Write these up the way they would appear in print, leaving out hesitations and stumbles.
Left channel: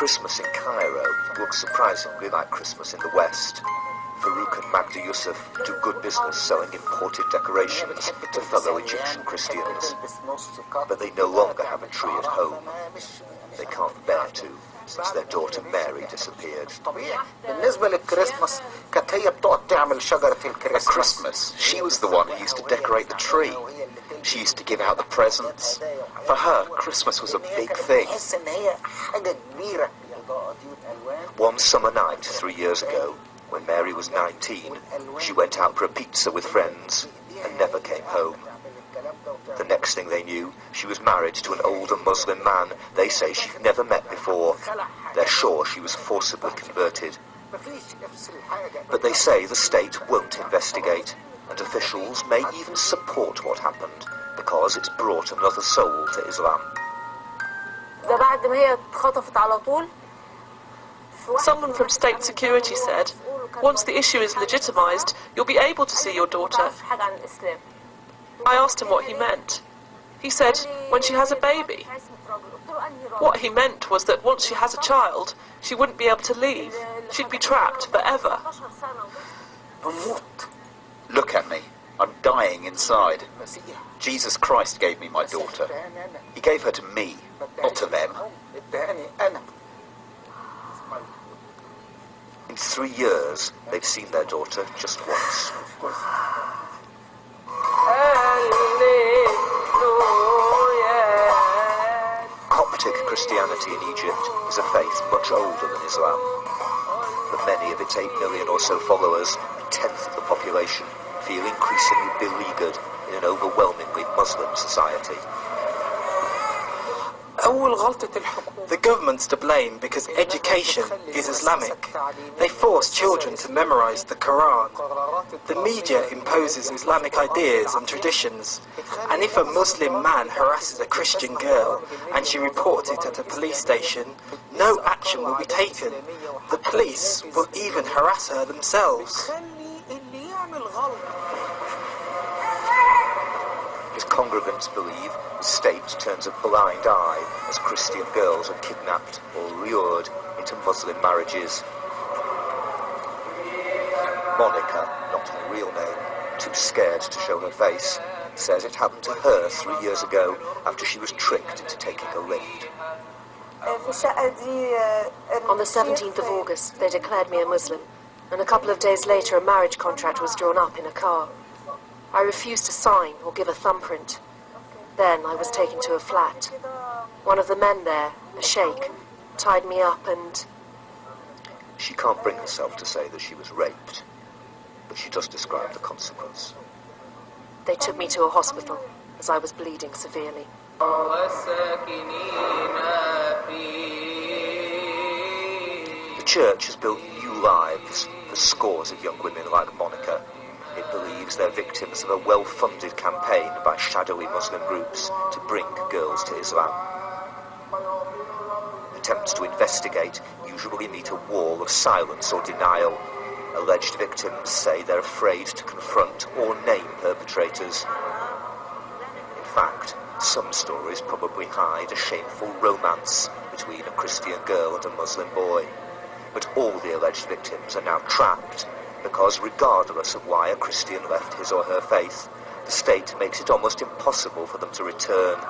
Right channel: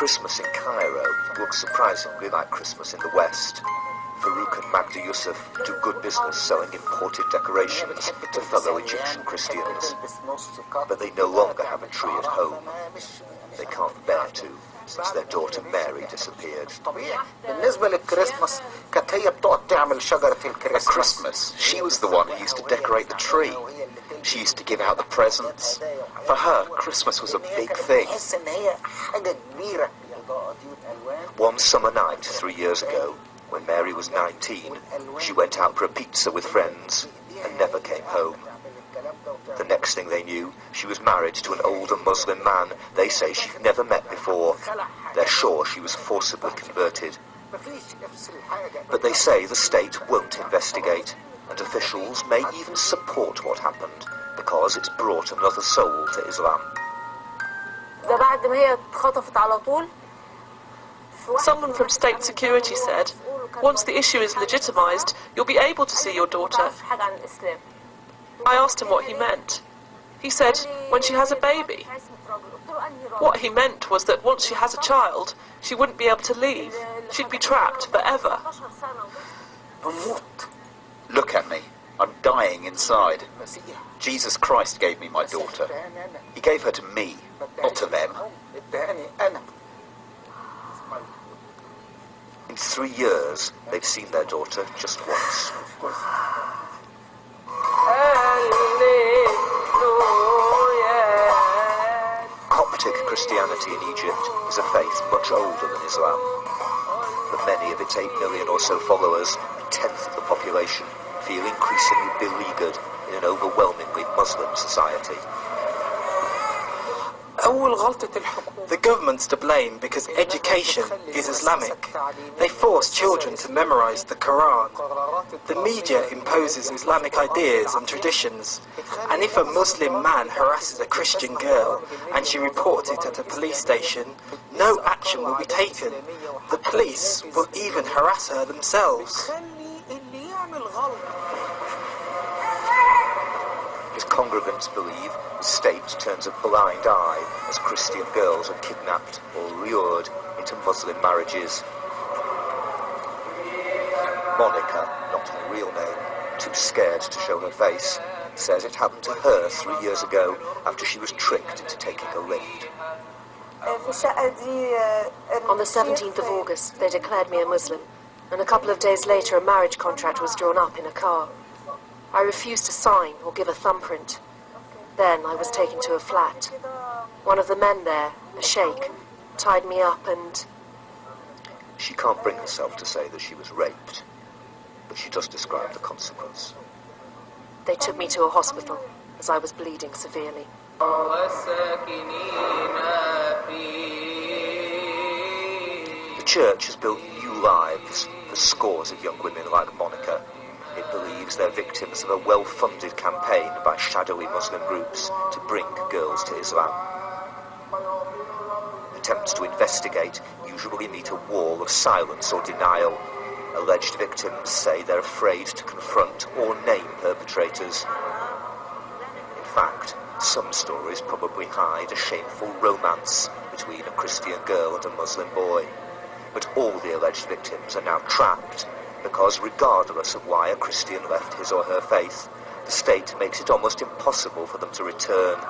Christmas in Cairo looks surprisingly like Christmas in the West. Farouk and Magda Yusuf do good business selling imported decorations to fellow Egyptian Christians. But they no longer have a tree at home. They can't bear to, since their daughter Mary disappeared. At Christmas, she was the one who used to decorate the tree. She used to give out the presents. For her, Christmas was a big thing. One summer night 3 years ago, when Mary was 19, she went out for a pizza with friends and never came home. The next thing they knew, she was married to an older Muslim man they say she'd never met before. They're sure she was forcibly converted. But they say the state won't investigate, and officials may even support what happened because it's brought another soul to Islam. Someone from state security said, once the issue is legitimised, you'll be able to see your daughter. I asked him what he meant. He said, when she has a baby. What he meant was that once she has a child, she wouldn't be able to leave. She'd be trapped forever. Look at me. I'm dying inside. Jesus Christ gave me my daughter. He gave her to me, not to them. In 3 years, they've seen their daughter just once. Coptic Christianity in Egypt is a faith much older than Islam. But many of its 8 million or so followers, a tenth of the population, feel increasingly beleaguered in an overwhelmingly Muslim society. The government's to blame because education is Islamic. They force children to memorize the Quran. The media imposes Islamic ideas and traditions. And if a Muslim man harasses a Christian girl and she reports it at a police station, no action will be taken. The police will even harass her themselves. His congregants believe the state turns a blind eye as Christian girls are kidnapped or lured into Muslim marriages. Monica, not her real name, too scared to show her face, says it happened to her 3 years ago after she was tricked into taking a lift. On the 17th of August, they declared me a Muslim, and a couple of days later a marriage contract was drawn up in a car. I refused to sign or give a thumbprint. Then I was taken to a flat. One of the men there, a sheikh, tied me up and... She can't bring herself to say that she was raped, but she does describe the consequence. They took me to a hospital as I was bleeding severely. The church has built new lives for scores of young women like Monica. It believes they're victims of a well-funded campaign by shadowy Muslim groups to bring girls to Islam. Attempts to investigate usually meet a wall of silence or denial. Alleged victims say they're afraid to confront or name perpetrators. In fact, some stories probably hide a shameful romance between a Christian girl and a Muslim boy. But all the alleged victims are now trapped because regardless of why a Christian left his or her faith, the state makes it almost impossible for them to return.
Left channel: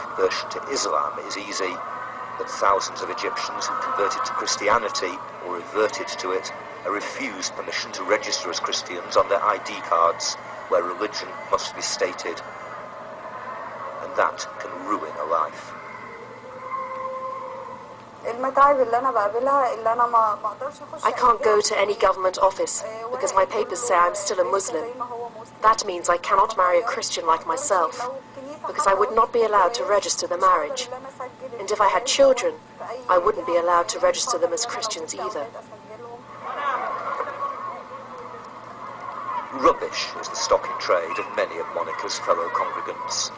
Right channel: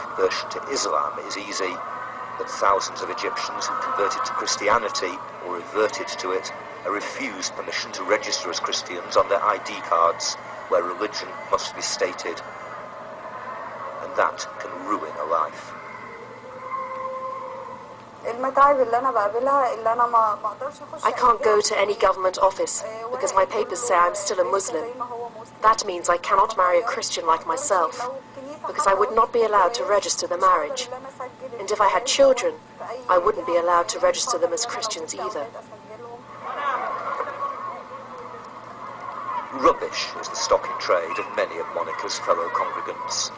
Conversion to Islam is easy, but thousands of Egyptians who converted to Christianity or reverted to it are refused permission to register as Christians on their ID cards, where religion must be stated. And that can ruin a life. I can't go to any government office because my papers say I'm still a Muslim. That means I cannot marry a Christian like myself because I would not be allowed to register the marriage. And if I had children, I wouldn't be allowed to register them as Christians either. Rubbish is the stock in trade of many of Monica's fellow congregants.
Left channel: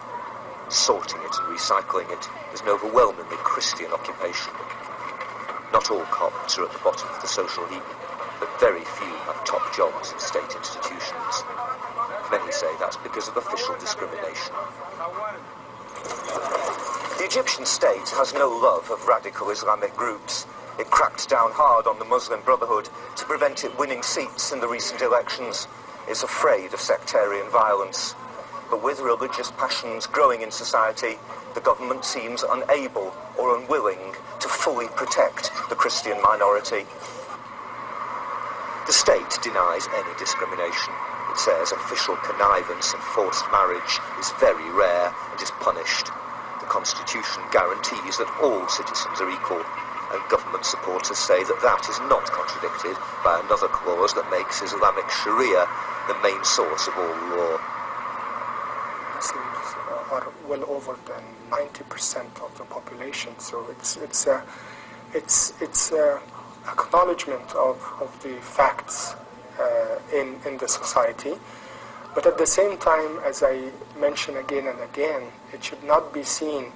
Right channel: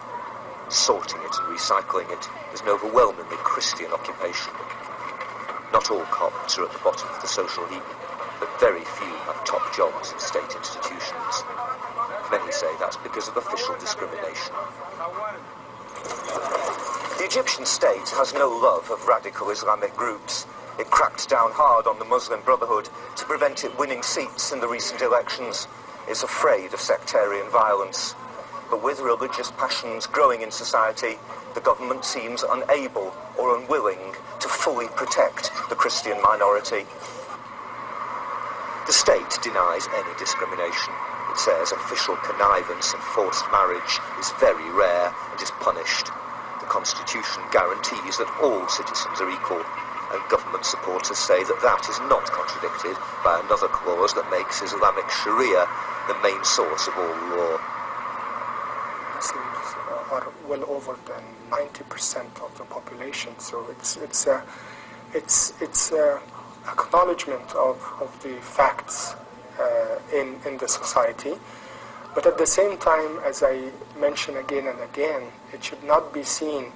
Sorting it and recycling it is an overwhelmingly Christian occupation. Not all Copts are at the bottom of the social heap, but very few have top jobs in state institutions. Many say that's because of official discrimination. The Egyptian state has no love of radical Islamic groups. It cracked down hard on the Muslim Brotherhood to prevent it winning seats in the recent elections. It's afraid of sectarian violence. But with religious passions growing in society, the government seems unable or unwilling to fully protect the Christian minority. The state denies any discrimination. It says official connivance and forced marriage is very rare and is punished. The Constitution guarantees that all citizens are equal, and government supporters say that that is not contradicted by another clause that makes Islamic Sharia the main source of all law. Muslims are well over than 90% of the population, so it's acknowledgement of the facts in the society. But at the same time, as I mention again and again, it should not be seen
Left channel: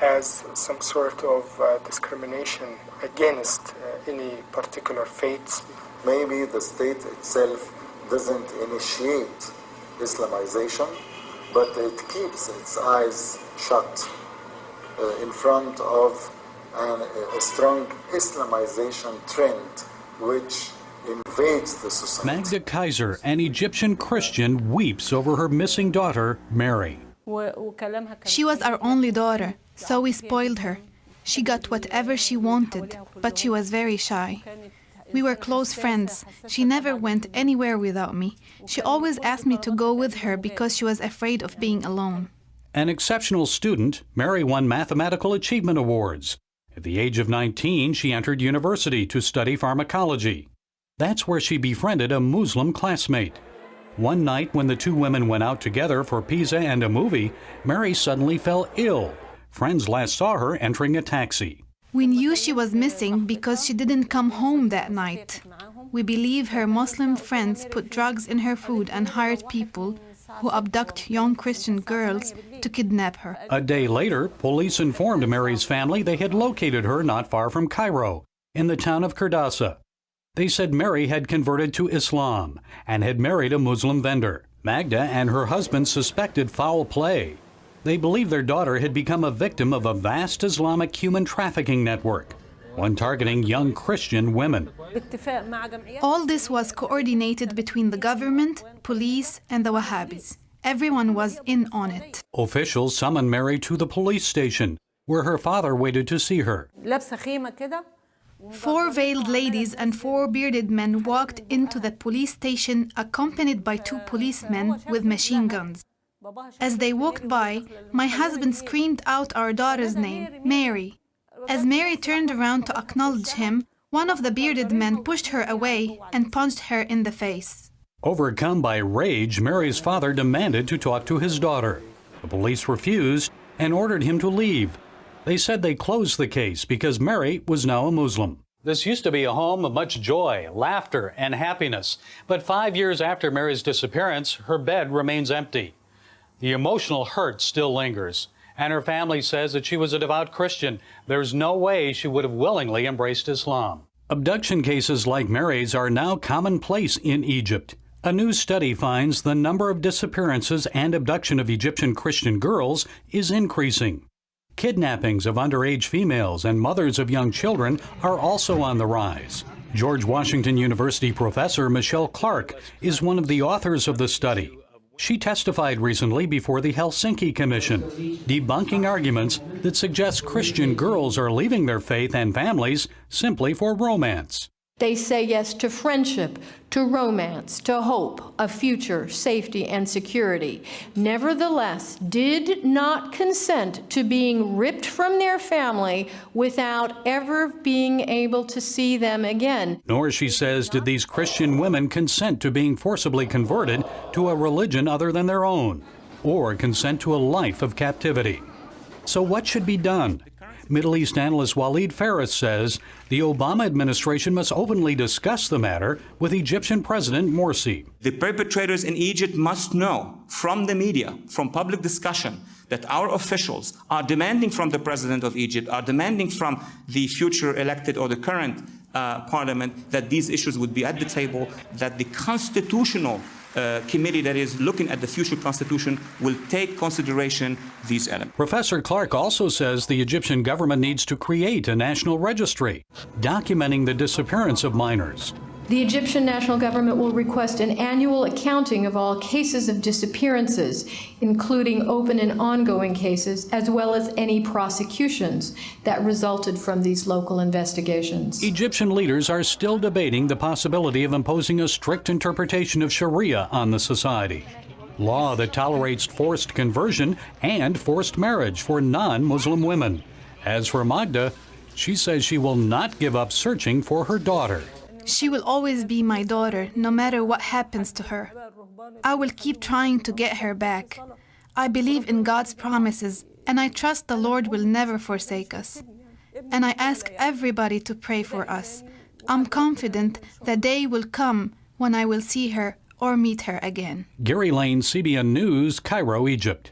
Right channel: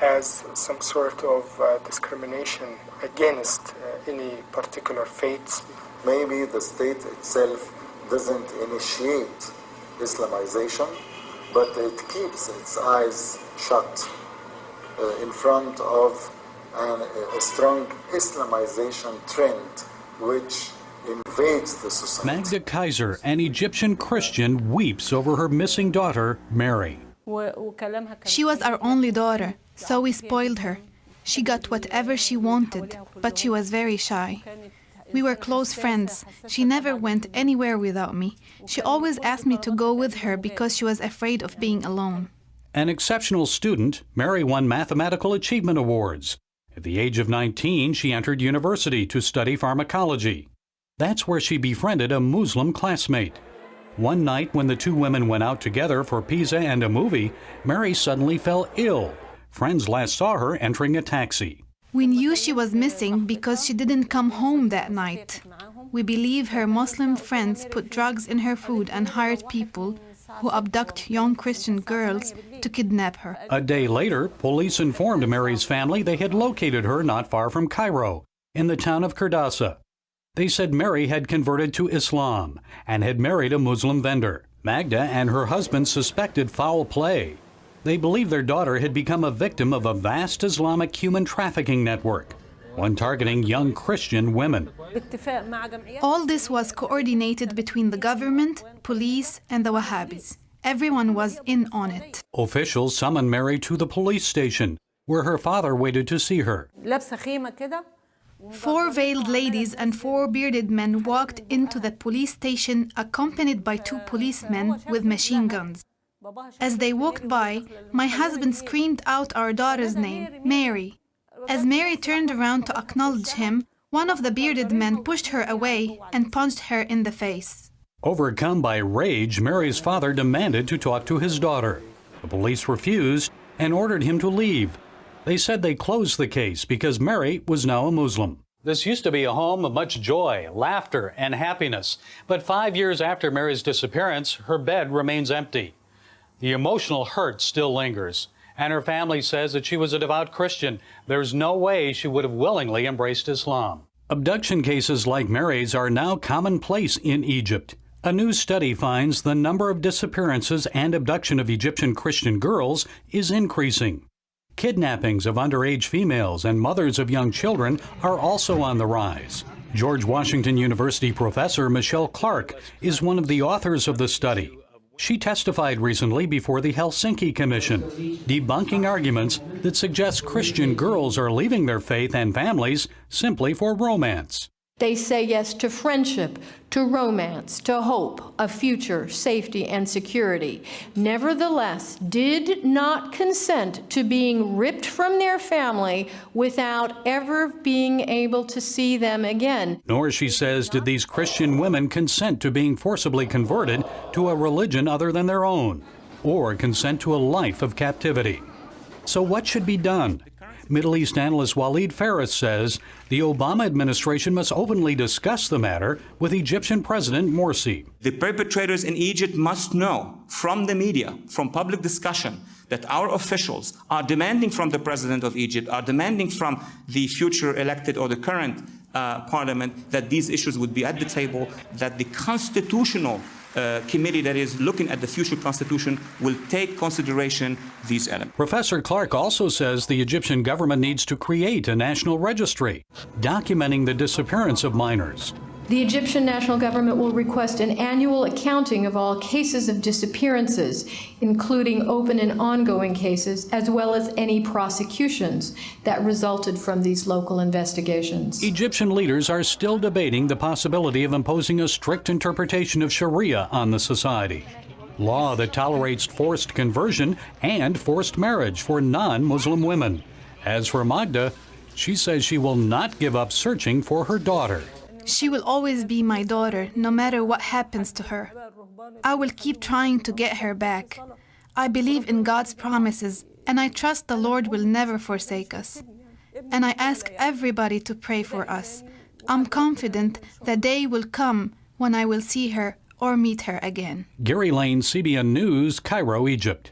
as some sort of discrimination against any particular faiths. Maybe the state itself doesn't initiate Islamization, but it keeps its eyes shut in front of a strong Islamization trend which invades the society. Magda Kaiser, an Egyptian Christian, weeps over her missing daughter, Mary. She was our only daughter, so we spoiled her. She got whatever she wanted, but she was very shy. We were close friends. She never went anywhere without me. She always asked me to go with her because she was afraid of being alone. An exceptional student, Mary won mathematical achievement awards. At the age of 19, she entered university to study pharmacology. That's where she befriended a Muslim classmate. One night when the two women went out together for pizza and a movie, Mary suddenly fell ill. Friends last saw her entering a taxi. We knew she was missing because she didn't come home that night. We believe her Muslim friends put drugs in her food and hired people who abduct young Christian girls to kidnap her. A day later, police informed Mary's family they had located her not far from Cairo, in the town of Kurdasa. They said Mary had converted to Islam and had married a Muslim vendor. Magda and her husband suspected foul play. They believe their daughter had become a victim of a vast Islamic human trafficking network, one targeting young Christian women. All this was coordinated between the government, police, and the Wahhabis. Everyone was in on it. Officials summoned Mary to the police station, where her father waited to see her. 4 veiled ladies and 4 bearded men walked into the police station accompanied by 2 policemen with machine guns. As they walked by, my husband screamed out our daughter's name, Mary. As Mary turned around to acknowledge him, one of the bearded men pushed her away and punched her in the face. Overcome by rage, Mary's father demanded to talk to his daughter. The police refused and ordered him to leave. They said they closed the case because Mary was now a Muslim. This used to be a home of much joy, laughter, and happiness. But 5 years after Mary's disappearance, her bed remains empty. The emotional hurt still lingers, and her family says that she was a devout Christian. There's no way she would have willingly embraced Islam. Abduction cases like Mary's are now commonplace in Egypt. A new study finds the number of disappearances and abduction of Egyptian Christian girls is increasing. Kidnappings of underage females and mothers of young children are also on the rise. George Washington University professor Michelle Clark is one of the authors of the study. She testified recently before the Helsinki Commission, debunking arguments that suggest Christian girls are leaving their faith and families simply for romance. They say yes to friendship, to romance, to hope, a future, safety, and security. Nevertheless, did not consent to being ripped from their family without ever being able to see them again. Nor, she says, did these Christian women consent to being forcibly converted to a religion other than their own, or consent to a life of captivity. So what should be done? Middle East analyst Walid Faris says the Obama administration must openly discuss the matter with Egyptian President Morsi. The perpetrators in Egypt must know from the media, from public discussion, that our officials are demanding from the President of Egypt, are demanding from the future elected or the current parliament, that these issues would be at the table, that the constitutional committee that is looking at the future constitution will take consideration these elements. Professor Clark also says the Egyptian government needs to create a national registry documenting the disappearance of minors. The Egyptian national government will request an annual accounting of all cases of disappearances, including open and ongoing cases, as well as any prosecutions that resulted from these local investigations. Egyptian leaders are still debating the possibility of imposing a strict interpretation of Sharia on the society, law that tolerates forced conversion and forced marriage for non-Muslim women. As for Magda, she says she will not give up searching for her daughter. She will always be my daughter, no matter what happens to her. I will keep trying to get her back. I believe in God's promises, and I trust the Lord will never forsake us. And I ask everybody to pray for us. I'm confident the day will come when I will see her or meet her again. Gary Lane, CBN News, Cairo, Egypt.